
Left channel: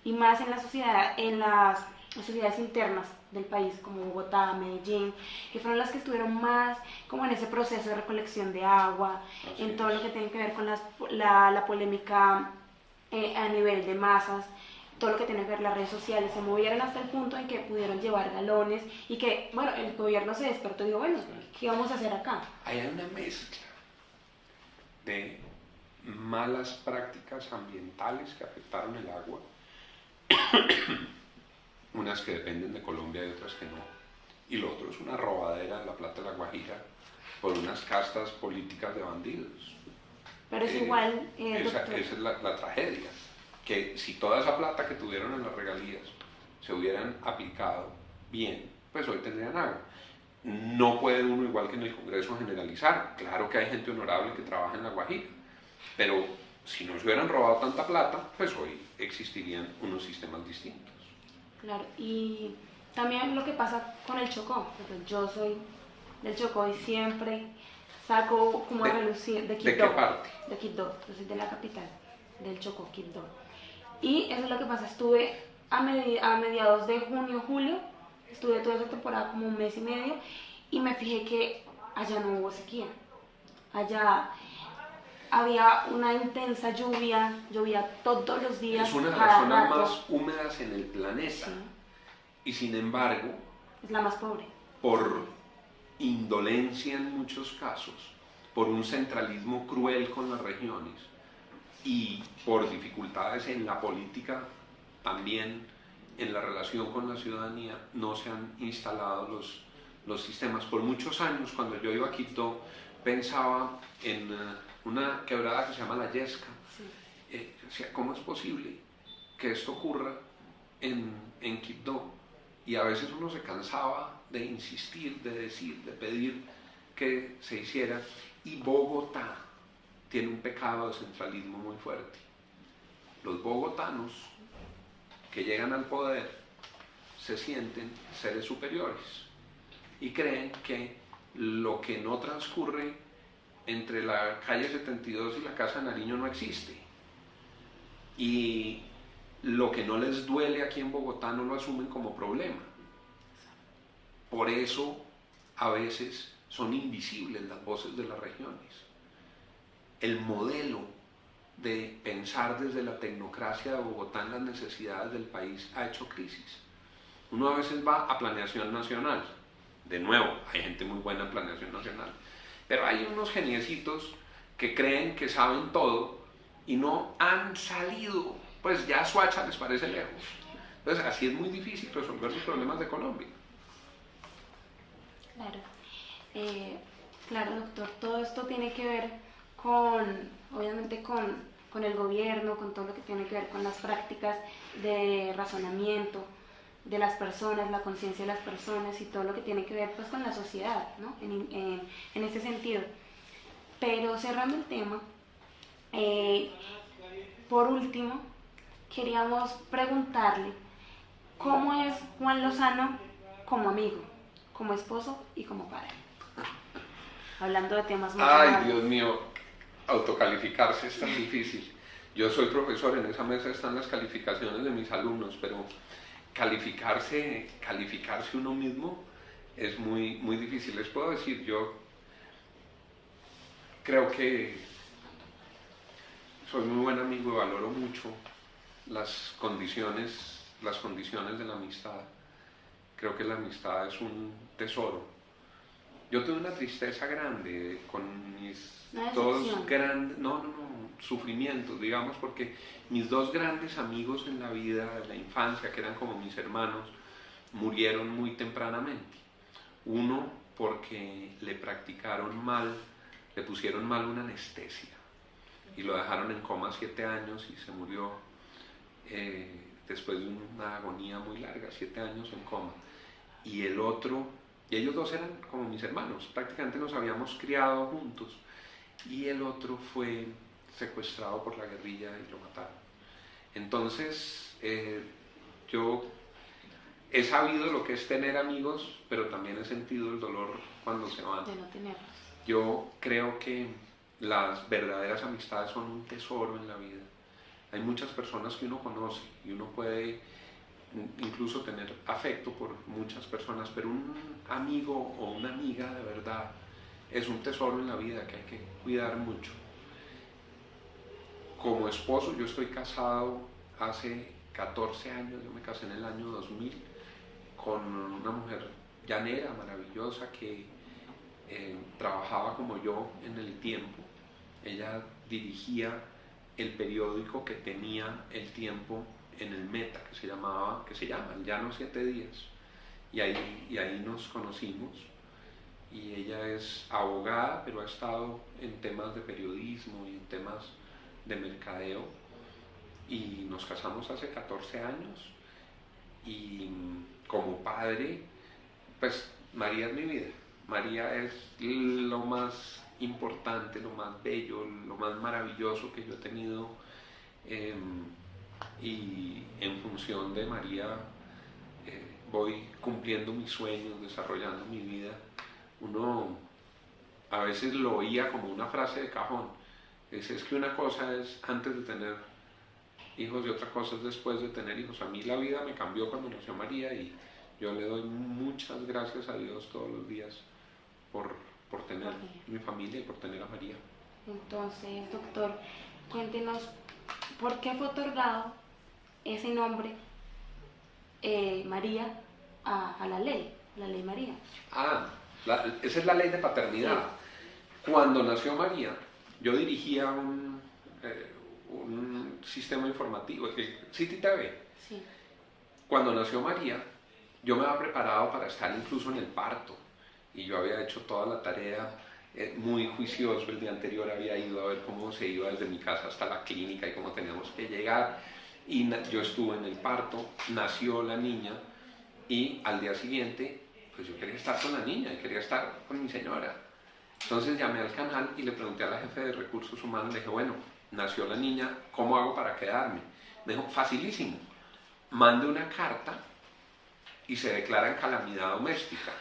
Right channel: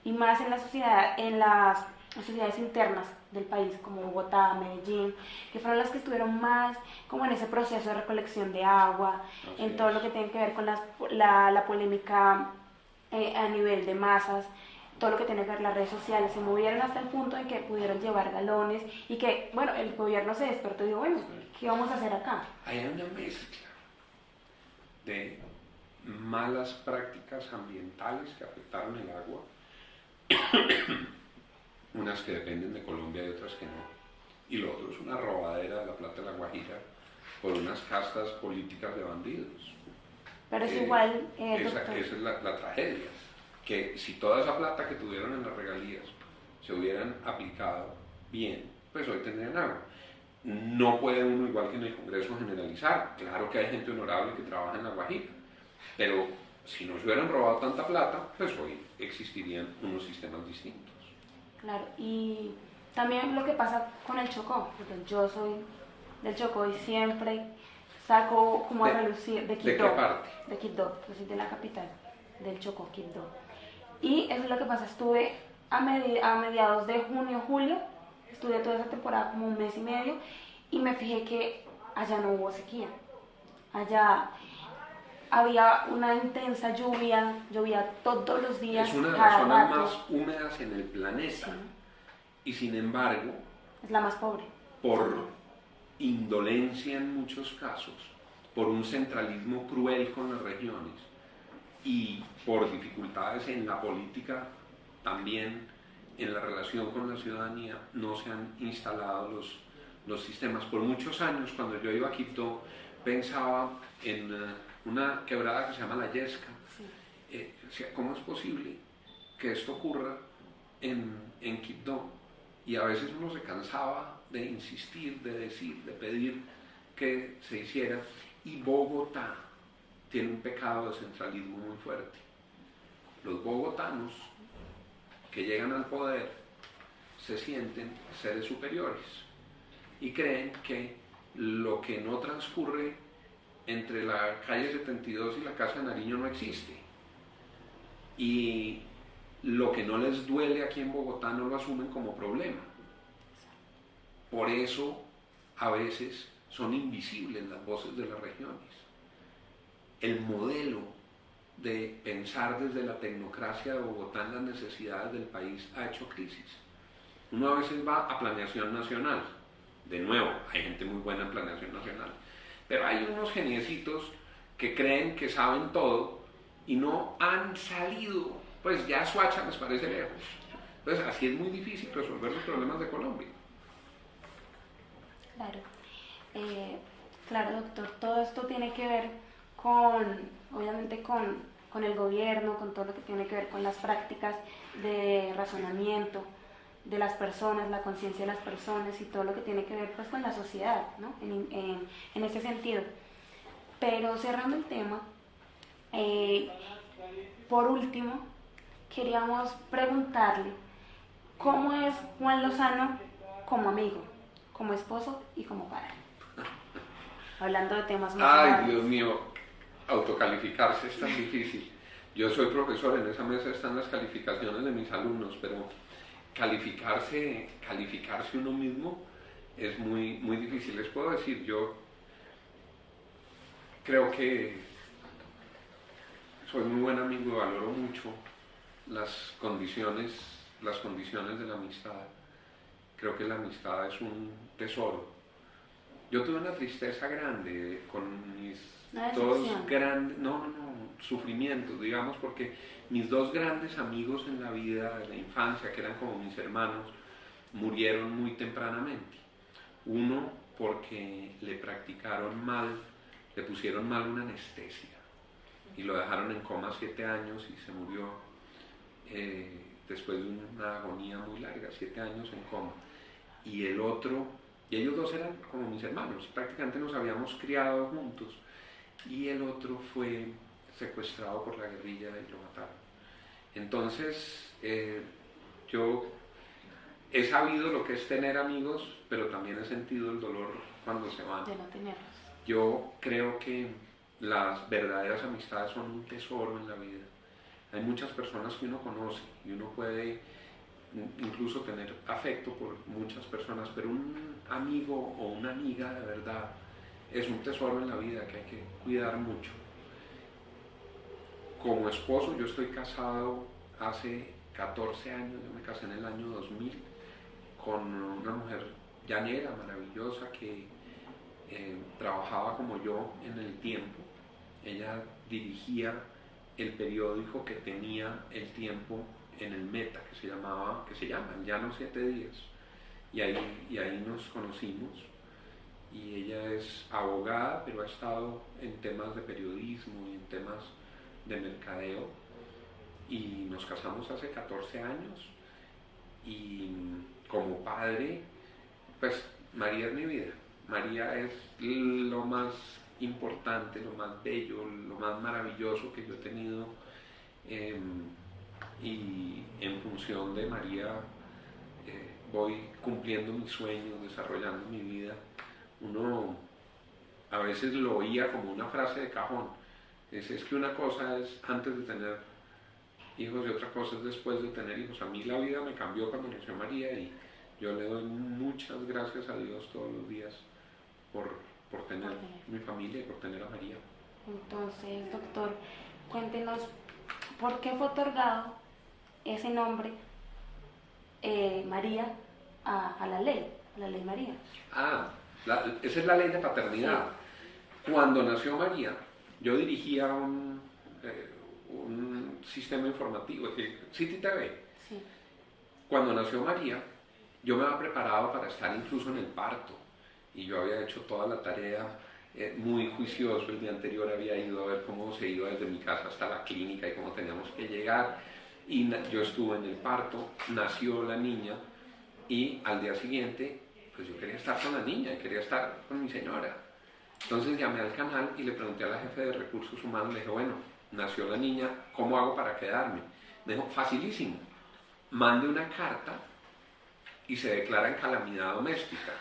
y más en la sociedad, en las sociedades internas del país, como Bogotá, Medellín, que fueron las que estuvieron más como en ese proceso de recolección de agua, en todo lo que tiene que ver con la polémica a nivel de masas, todo lo que tiene que ver las redes sociales, se movieron hasta el punto en que pudieron llevar galones y que, bueno, el gobierno se despertó y dijo, bueno, ¿qué vamos a hacer acá? Hay una mezcla de malas prácticas ambientales que afectaron el agua, unas que dependen de Colombia y otras que no, y lo otro es una robadera de la plata de La Guajira por unas castas políticas de bandidos. Pero es igual, esa es la tragedia, que si toda esa plata que tuvieron en las regalías se hubieran aplicado bien, pues hoy tendrían agua. No puede uno, igual que en el Congreso, generalizar. Claro que hay gente honorable que trabaja en La Guajira, pero si no se hubieran robado tanta plata, pues hoy existirían unos sistemas distintos. Claro, y también lo que pasa con el Chocó. Yo soy del Chocó y siempre saco como a relucir de Quibdó. ¿De qué parte? De Quibdó, yo soy de la capital del Chocó, Quibdó. Y eso es lo que pasa, estuve a mediados de junio, julio, estuve toda esa temporada como un mes y medio y me fijé que allá no hubo sequía. Allá había una intensa lluvia, llovía todos los días, es una de las cada zonas rato. más húmedas en el planeta, Sí. Y sin embargo, Es la más pobre. por indolencia en muchos casos, por un centralismo cruel con las regiones y por dificultades en la política, también en la relación con la ciudadanía, no se han instalado los sistemas. Por muchos años, cuando yo iba a Quibdó, pensaba en una quebrada que se llama La Yesca. Sí. O sea, ¿cómo es posible que esto ocurra en Quibdó? Y a veces uno se cansaba de insistir, de decir, de pedir que se hiciera. Y Bogotá tiene un pecado de centralismo muy fuerte. Los bogotanos que llegan al poder se sienten seres superiores y creen que lo que no transcurre entre la calle 72 y la Casa Nariño no existe. Y lo que no les duele aquí en Bogotá no lo asumen como problema. Por eso a veces son invisibles las voces de las regiones. El modelo de pensar desde la tecnocracia de Bogotá en las necesidades del país ha hecho crisis. Uno a veces va a planeación nacional. De nuevo, hay gente muy buena en planeación nacional. Pero hay unos geniecitos que creen que saben todo y no han salido. Pues ya Soacha les parece lejos. Pues así es muy difícil resolver los problemas de Colombia. Claro. Claro, doctor, todo esto tiene que ver obviamente con el gobierno, con todo lo que tiene que ver con las prácticas de razonamiento de las personas, la conciencia de las personas y todo lo que tiene que ver pues con la sociedad, ¿no? En ese sentido. Pero cerrando el tema, por último, queríamos preguntarle cómo es Juan Lozano como amigo, como esposo y como padre. Hablando de temas más Ay, Dios mío, autocalificarse es tan difícil. Yo soy profesor, en esa mesa están las calificaciones de mis alumnos, pero calificarse uno mismo es muy, muy difícil. Les puedo decir, yo creo que soy muy buen amigo y valoro mucho las condiciones de la amistad. Creo que la amistad es un tesoro Yo tuve una tristeza grande con mis Una dos decepción. grandes, sufrimientos, digamos, porque mis dos grandes amigos en la vida, de la infancia, que eran como mis hermanos, murieron muy tempranamente. Uno porque le practicaron mal, le pusieron mal una anestesia y lo dejaron en coma 7 años y se murió después de una agonía muy larga, 7 años en coma. Y el otro, y ellos dos eran como mis hermanos, prácticamente nos habíamos criado juntos, y el otro fue secuestrado por la guerrilla y lo mataron. Entonces, yo he sabido lo que es tener amigos, pero también he sentido el dolor cuando se van. De no tenerlos. Yo creo que las verdaderas amistades son un tesoro en la vida. Hay muchas personas que uno conoce y uno puede incluso tener afecto por muchas personas, pero un amigo o una amiga de verdad es un tesoro en la vida que hay que cuidar mucho. Como esposo, yo estoy casado hace 14 años, yo me casé en el año 2000 con una mujer llanera, maravillosa, que trabajaba como yo en El Tiempo. Ella dirigía el periódico que tenía El Tiempo en el Meta, que se llama El Llano 7 Días, y ahí nos conocimos. Y ella es abogada, pero ha estado en temas de periodismo y en temas de mercadeo, y nos casamos hace 14 años. Y como padre, pues María es mi vida. María es lo más importante, lo más bello, lo más maravilloso que yo he tenido, y en función de María voy cumpliendo mis sueños, desarrollando mi vida. Uno a veces lo oía como una frase de cajón. Es que una cosa es antes de tener hijos y otra cosa es después de tener hijos. A mí la vida me cambió cuando nació María, y yo le doy muchas gracias a Dios todos los días por tener mi familia y por tener a María. Entonces, doctor, cuéntenos por qué fue otorgado ese nombre, María, a la ley María. Esa es la ley de paternidad. Sí. Cuando nació María, yo dirigía un sistema informativo, City TV. Sí. Cuando nació María, yo me había preparado para estar incluso en el parto, y yo había hecho toda la tarea, muy juicioso. El día anterior había ido a ver cómo se iba desde mi casa hasta la clínica y cómo teníamos que llegar, y yo estuve en el parto, nació la niña, y al día siguiente pues yo quería estar con la niña, quería estar con mi señora. Entonces llamé al canal y le pregunté a la jefe de recursos humanos, le dije, bueno, nació la niña, ¿cómo hago para quedarme? Me dijo, facilísimo, mande una carta y se declara en calamidad doméstica.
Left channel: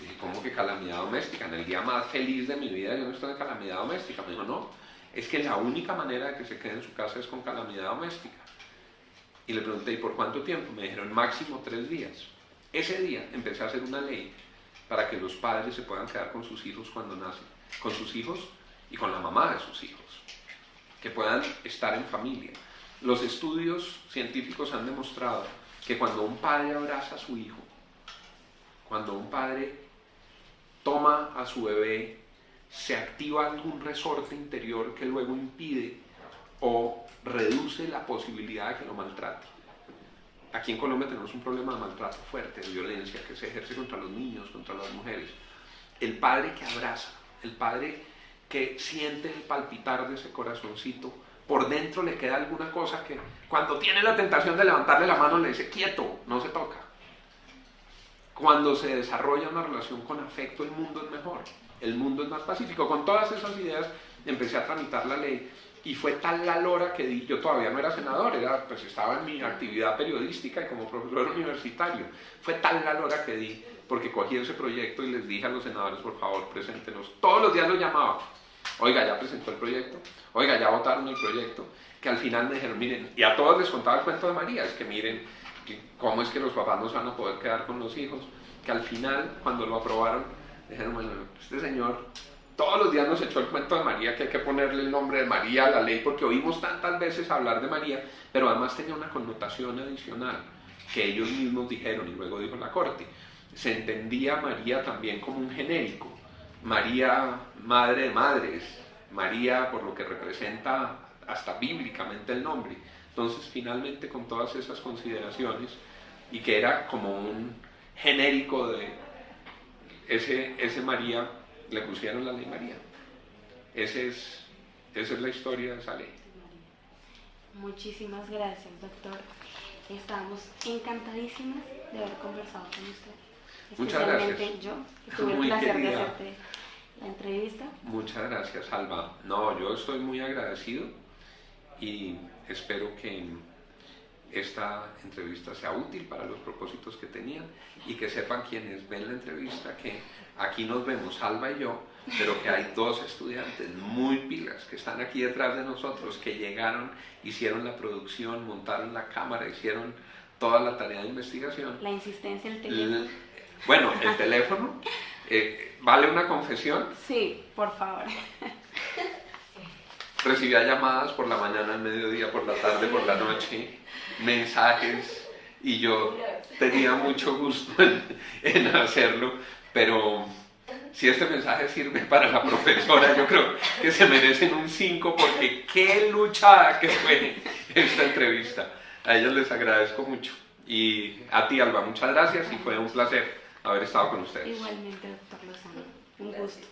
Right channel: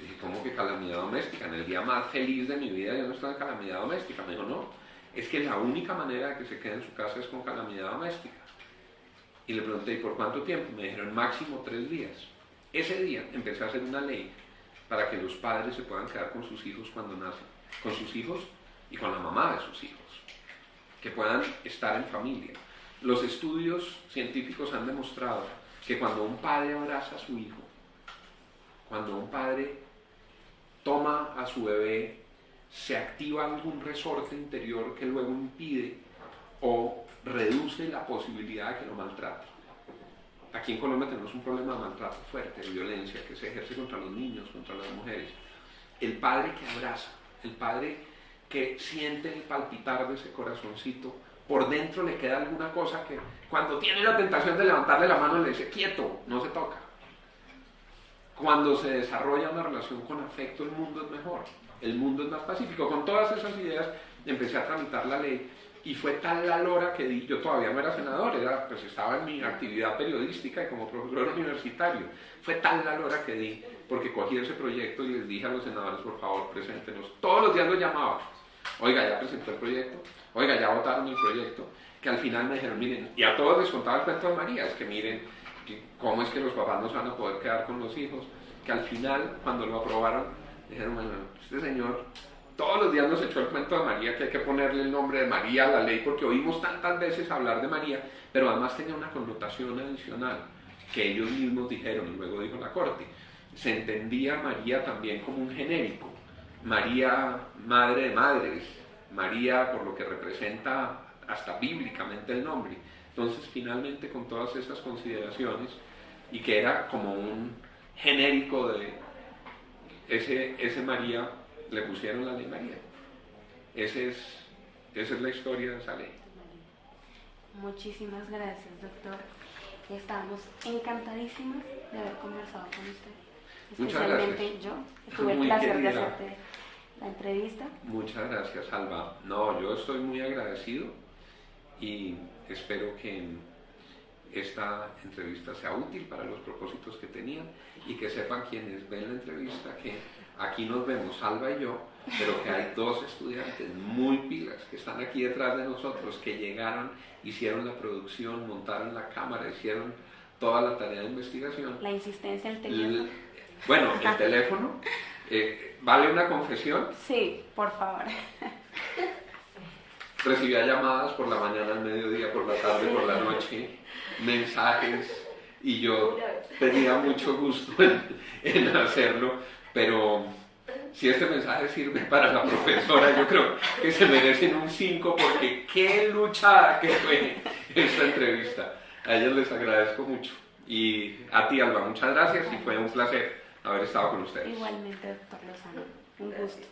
Dije, ¿cómo que calamidad doméstica? En el día más feliz de mi vida yo no estoy en calamidad doméstica. Me dijo, no, es que la única manera de que se quede en su casa es con calamidad doméstica. Y le pregunté, ¿y por cuánto tiempo? Me dijeron, máximo 3 días. Ese día empecé a hacer una ley para que los padres se puedan quedar con sus hijos cuando nacen, con sus hijos y con la mamá de sus hijos, que puedan estar en familia. Los estudios científicos han demostrado que cuando un padre abraza a su hijo, cuando un padre toma a su bebé, se activa algún resorte interior que luego impide o reduce la posibilidad de que lo maltrate. Aquí en Colombia tenemos un problema de maltrato fuerte, de violencia que se ejerce contra los niños, contra las mujeres. El padre que abraza, el padre que siente el palpitar de ese corazoncito, por dentro le queda alguna cosa que cuando tiene la tentación de levantarle la mano le dice, quieto, no se toca. Cuando se desarrolla una relación con afecto, el mundo es mejor, el mundo es más pacífico. Con todas esas ideas empecé a tramitar la ley, y fue tal la lora que di, yo todavía no era senador, pues estaba en mi actividad periodística y como profesor universitario. Fue tal la lora que di, porque cogí ese proyecto y les dije a los senadores, por favor, preséntenos. Todos los días los llamaba, oiga, ya presentó el proyecto, oiga, ya votaron el proyecto, que al final me dijeron, miren, y a todos les contaba el cuento de María, es que miren, cómo es que los papás no se van a poder quedar con los hijos, que al final, cuando lo aprobaron, dijeron, bueno, este señor todos los días nos echó el cuento de María, que hay que ponerle el nombre de María a la ley, porque oímos tantas veces hablar de María, pero además tenía una connotación adicional, que ellos mismos dijeron, y luego dijo la Corte. Se entendía María también como un genérico, María, madre de madres, María por lo que representa hasta bíblicamente el nombre. Entonces, finalmente, con todas esas consideraciones, y que era como un genérico de ese María, le pusieron la ley María. Esa es la historia de esa ley. Muchísimas gracias, doctor. Estamos encantadísimas de haber conversado con usted. Especialmente yo, que tuve el placer de hacerte la entrevista. Muchas gracias, Alba. No, yo estoy muy agradecido y espero que esta entrevista sea útil para los propósitos que tenía y que sepan quienes ven la entrevista que aquí nos vemos Alba y yo, pero que hay dos estudiantes muy pilas que están aquí detrás de nosotros, que llegaron, hicieron la producción, montaron la cámara, hicieron toda la tarea de investigación. La insistencia en el teléfono. Bueno, el teléfono, ¿vale una confesión? Sí, por favor. Recibía llamadas por la mañana, al mediodía, por la tarde, por la noche, mensajes, y yo tenía mucho gusto en hacerlo, pero si este mensaje sirve para la profesora, yo creo que se merecen un 5, porque qué lucha que fue esta entrevista. A ellos les agradezco mucho. Y a ti, Alba, muchas gracias y fue un placer haber estado con ustedes. Igualmente, doctor Lozano, un gusto.